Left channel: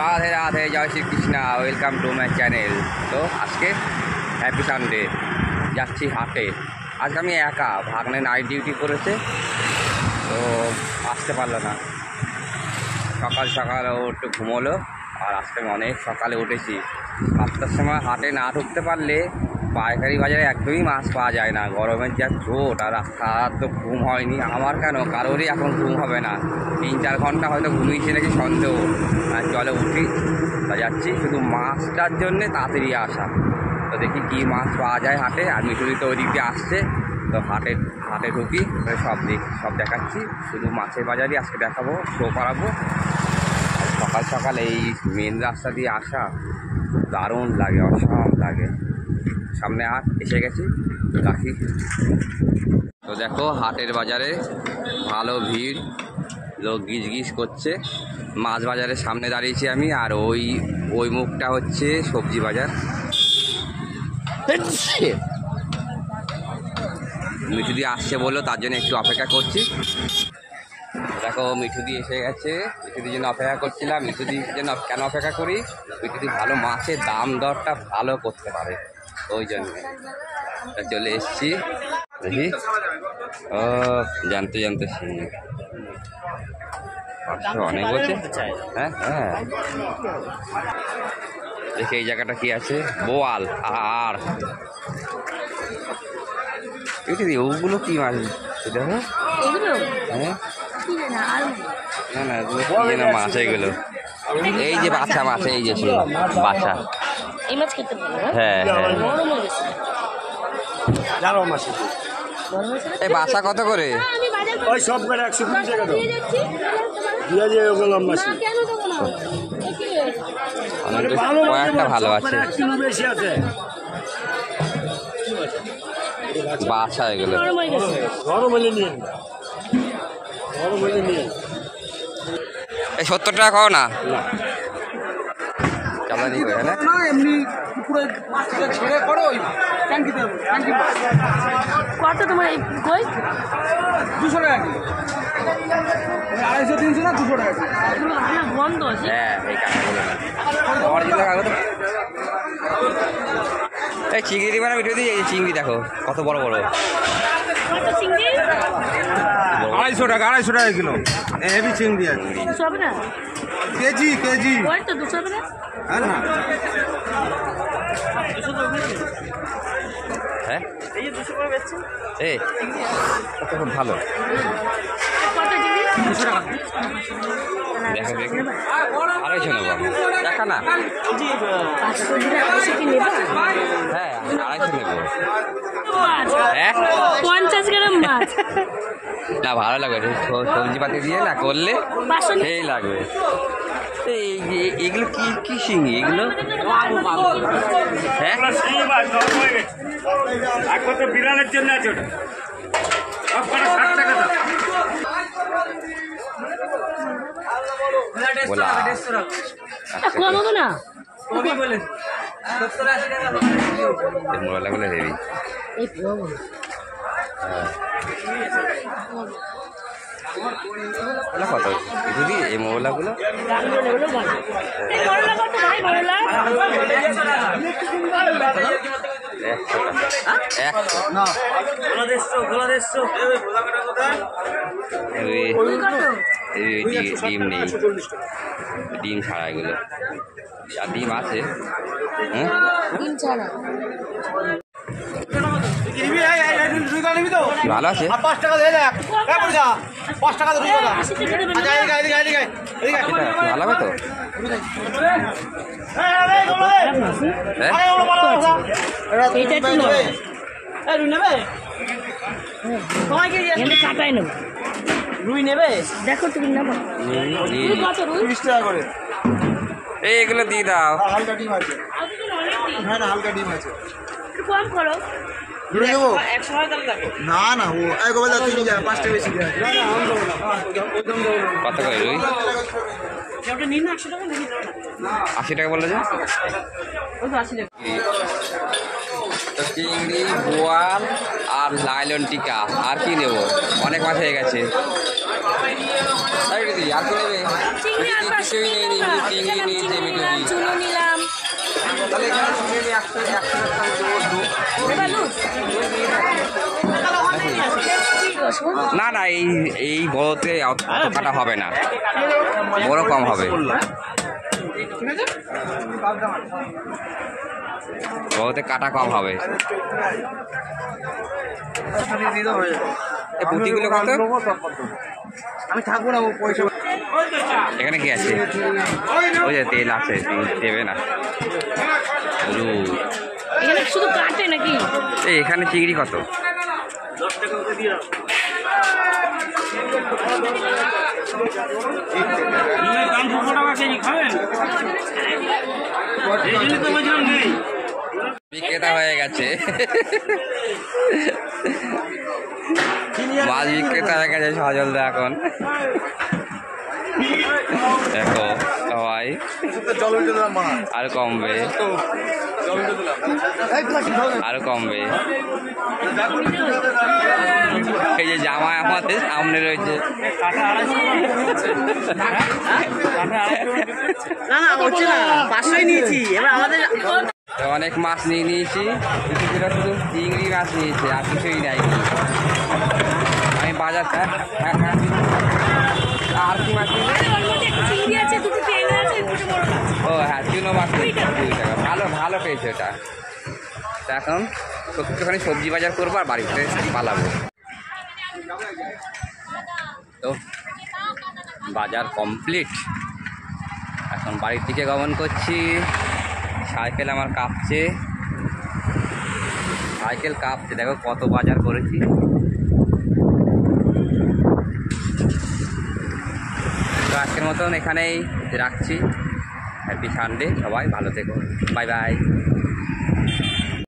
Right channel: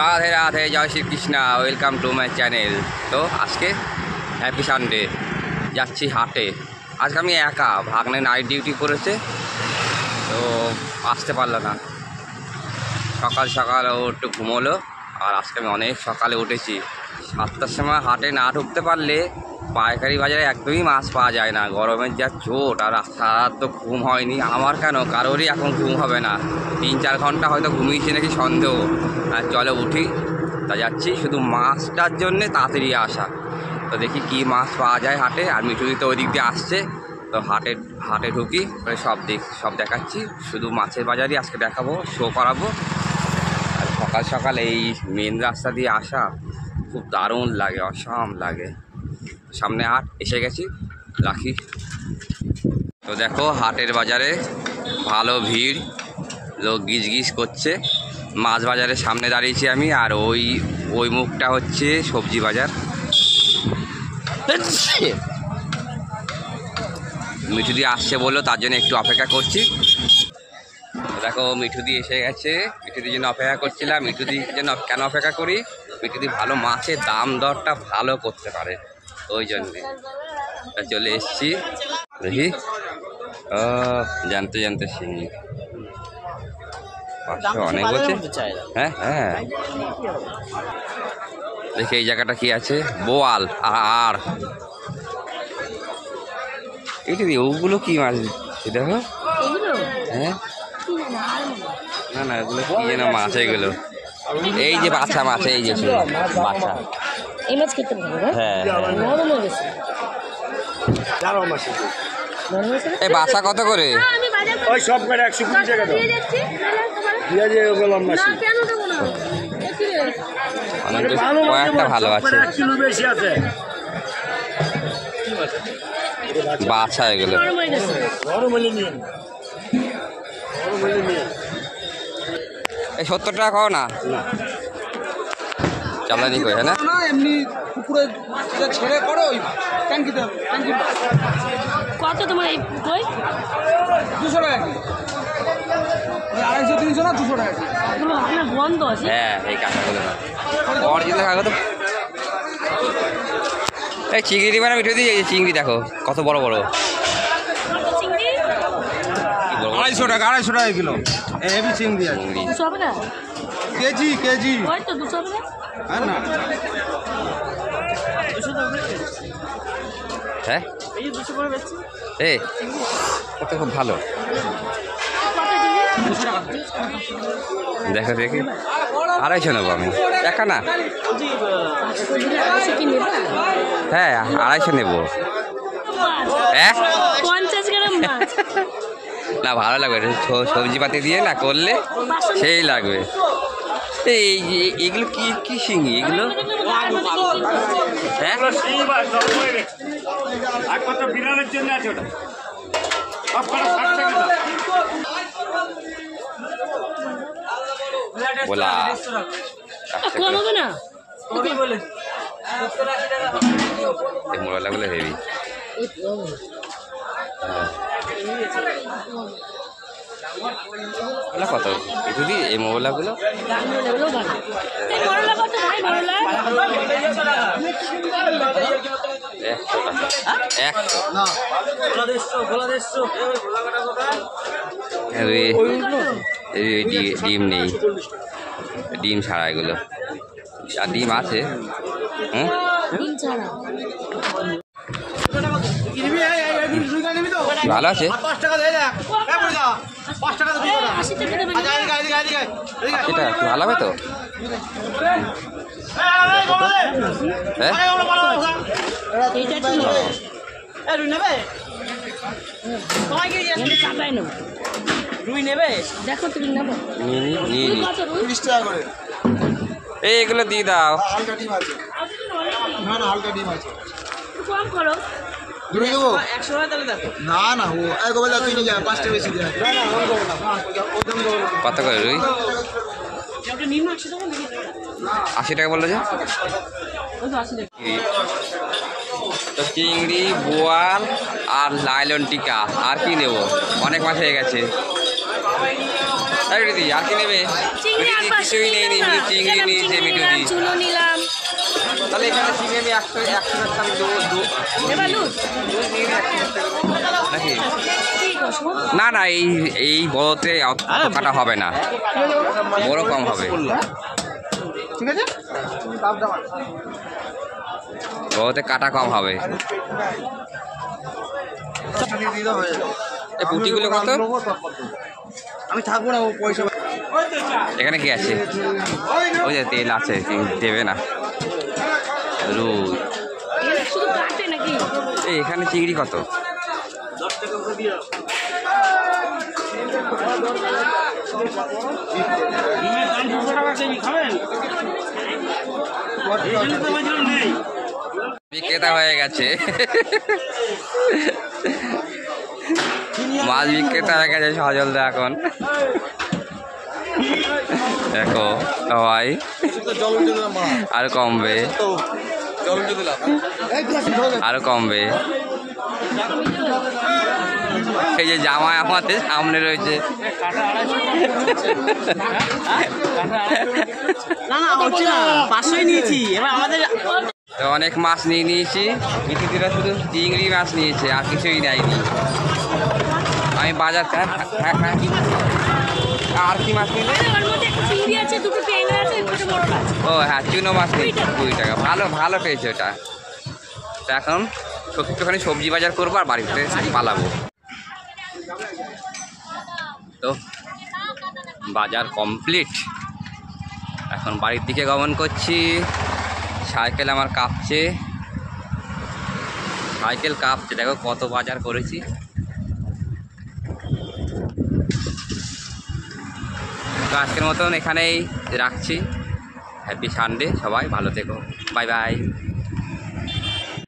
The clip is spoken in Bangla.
রাধে রাধে, জয় Shrikrishna, welcome to my channel. তো আজকে হ্যাপি সানডে, যাচ্ছি হাটে। আজকে আমি একা, ভাগ্নে নাইট ডিউটি করেছে তো আসতে পারলো না। সকাল সকাল ও একটু ঘুমোলো, আর আজকে আমি অনেক সকালে উঠেছি। 7টার সময় হাটে না ঢুকতে পারলে পাইকারি বাজারে একদমই মাছ পাওয়া যায় না। গরমের যা চোট, আর সারা তো ঘুম হয়নি আমার, কেন কারোরই এখন ঘুম হবে না। 3-4 ঘন্টা হয়তো ঘুমিয়েছি নাকি সন্দেহ। চলে উঠি, তা যাচ্ছি শুধু মাছটার জন্যে তাড়াতাড়ি আসা। তো দেখি কি মাছ পাওয়া যায় হাটে। আর মিঠুদি তো ওই দিক দিয়ে আসছে, তো হাটে ঢুকি, সব দেখাচ্ছি। শুধু মাছের বাজারই আজকে দেখাবো, শো করাবো। আর সকাল সকাল এই মেন রাস্তা দিয়ে আসা খুব দারুণ লাগে, অসাম লাগে। সামনে হাট এসে গেছি, রাখি। তো দেখো হাটের বাজারে ভালো ভিড়, লোক গিজ করছে। মাছ বাজারের সামনে দাঁড়িয়েছি আমি, আর ওই মুখটা হচ্ছে সবজি বাজার। মিঠুদি আসছে বললো, তার জন্য একটু অপেক্ষা করছি। দেখো মিঠুদি এসে গেছে, মিঠুদির জন্য অপেক্ষা করছিলাম। মিঠুদির জন্য কেন অপেক্ষা করি, মিঠুদি ভালো মাছের দাম দরটা ভালো করতে পারে, ওই জন্যে চলে এসছি। দেখি ও জানতে শিখি 500 অনেক বলছে। হ্যাঁ হ্যাঁ, দেখি এই জায়গাটা কি আছে। বোয়াল আর মিঠুদি ওগুলো কি মাছ দেখো। হ্যাঁ না এগুলো কি যেন মাছ, এগুলো এই যে বাচ্চা মাছ, এই যে বাচ্চা এই মাছ খেতে ভালো। হ্যাঁ হ্যাঁ, এই বাচ্চা কত করে? ওই সব করে 120 টাকা দাও। দিয়ে যে ওগুলো মাছ কয়েকটা ভালো আছে, 1 কিলো বেশি আছে বাচ্চা এগুলো। এই 70 টাকা খাও না, চামড়ানি করে না এমনি পুকুরে ছেড়ে করো ওই ট্যাঙ্কিতে। কত তোমার এই কই? 200 টাকা কি 250-300 না 200 টাকা কি? এগুলো আপনার বন্ধ আছে। হ্যাঁ এই কাঁচাগুলো না, অরিজিনাল কাগজ। এই চিংড়ি দিবে না মিঠুদি? এই চিংড়ি দেখো কত বড় বড়। 250 টাকা কিলো হেভি চিংড়ি আছে। চিংড়ি 200 টাকা কেজি ওই তো 200 টাকা। হ্যাঁ না হ্যাঁ এই 200 করে বেচছি। এই কত খুব ভালো। দেখো দেখি 250 নেবো আমি, একা না। 500 দিলে 250 কি নেবা? হ্যাঁ 250 নেবো। 50 গ্রাম মাছ না ভালো লাগবে, সবজি পাতি দিয়ে না করলে সেই লাগবে। এগুলো কি শিঙি এগুলো? হ্যাঁ বিড়ালের জন্য আছে ওটা। সব করে 60 টাকা দাও। বলা কমাবো না। মোবাইলগুলো হেভি। এই কমাবো না। কত দিদি এই মোবাইলগুলো? এই বড়লা কত ভাই? বড়লা 100 টাকা। 100 ডিম নেই, ডিম ছাড়া এগুলো। আর ডিম আছে, হ্যাঁ ডিম ছাড়া ভালো আছে। 5 টাকা দিয়ে দেখ, 5 টাকা দিয়ে 80 টাকা দেবেন। সেটা কি ভালো হবে তো? হ্যাঁ এইটা কি নেবে? রুই নেবে? এমনি কাটাই নেব। রুই নেবে? দেখো তুমি নেবে। রুই কত? রুই 30 টাকা করে। এই এগুলো দিয়ে দাও। হালকা ডিম আছে, না হালকা ডিম আছে। একটু কম করো। দূরে দেবো 100 টাকা তাহলে দেখো। না ও এই গোবলা তুই নিয়ে যা, 5 টাকা বেশি দেয়। কত করে রুই? ওটা নিন 100 টাকা নাকি? 80 টাকা বললো যে। ওই তো 80 টাকা। তো চিংড়ি, বোয়াল আর লাইলন টিকা, আর কি নেবো? অনেক মাছ হয়ে গেছে। দিদি আর কি নেবে? চিংড়ি আর কিছুই নেই, চিংড়ি নিয়েছে নিলাম, মিঠুদি। চুনো নিলাম। তাহলে এখানে চিংড়ি আমি 100 গ্রাম দেবো নেবা লুট? নাকি? কি গো, শোন। না না, এই বড়তে অত কাটা হবে না, বড় কম হবে। বড়তে কাটা কম হবে। এই পুঁটিগুলো কত? আমি থাকবো না, ও পয়সা এখানে কি আছে? ওই যে তেল আছে, দেবে না। রুই। এখানে শুধু কাটে নাকি? এই এখানে চিংড়ি কত? বিক্রেতা হয়ে গেছে, মাছ বিক্রেতা হয়ে গেছে সজলদা এখন। দেখো সবাই আর কমবে, আরো কমবে। এই যে জামাই আমাদের সামনে রয়েছে। না না, হচ্ছে না, 500ই নিয়েছি। এবার আমাদের তো অনেক মাছ নিয়ে নিয়েছি, কিছুদিরা শুধু চিংড়ি মাছ নিয়েছে, আর কিছুই নেয়নি। আমি বাজার আর কি মাছ নিলে? চিংড়ি আছে, দুটো ট্যাংরা আছে, দুটো বড় মাছ। ও হ্যাঁ, চুনো মাছ নিয়েছি 20 টাকা। ভালো ভালো পেয়েছে ওটা। তো এখন একটুখানি সবজি বাজার করবো আর বাড়িতে পালাবো। তো বাজার কমপ্লিট, এখন বাড়ির দিকে গমন করছি। সাইকেল আমার কাঁপছে, সাইকেল কাঁপছে। দেখো কত বাজার করেছি। তো আজকের মতন এখানেই রাখছি। হ্যাপি সানডে, সবাই ভালো থেকো, বাই বাই।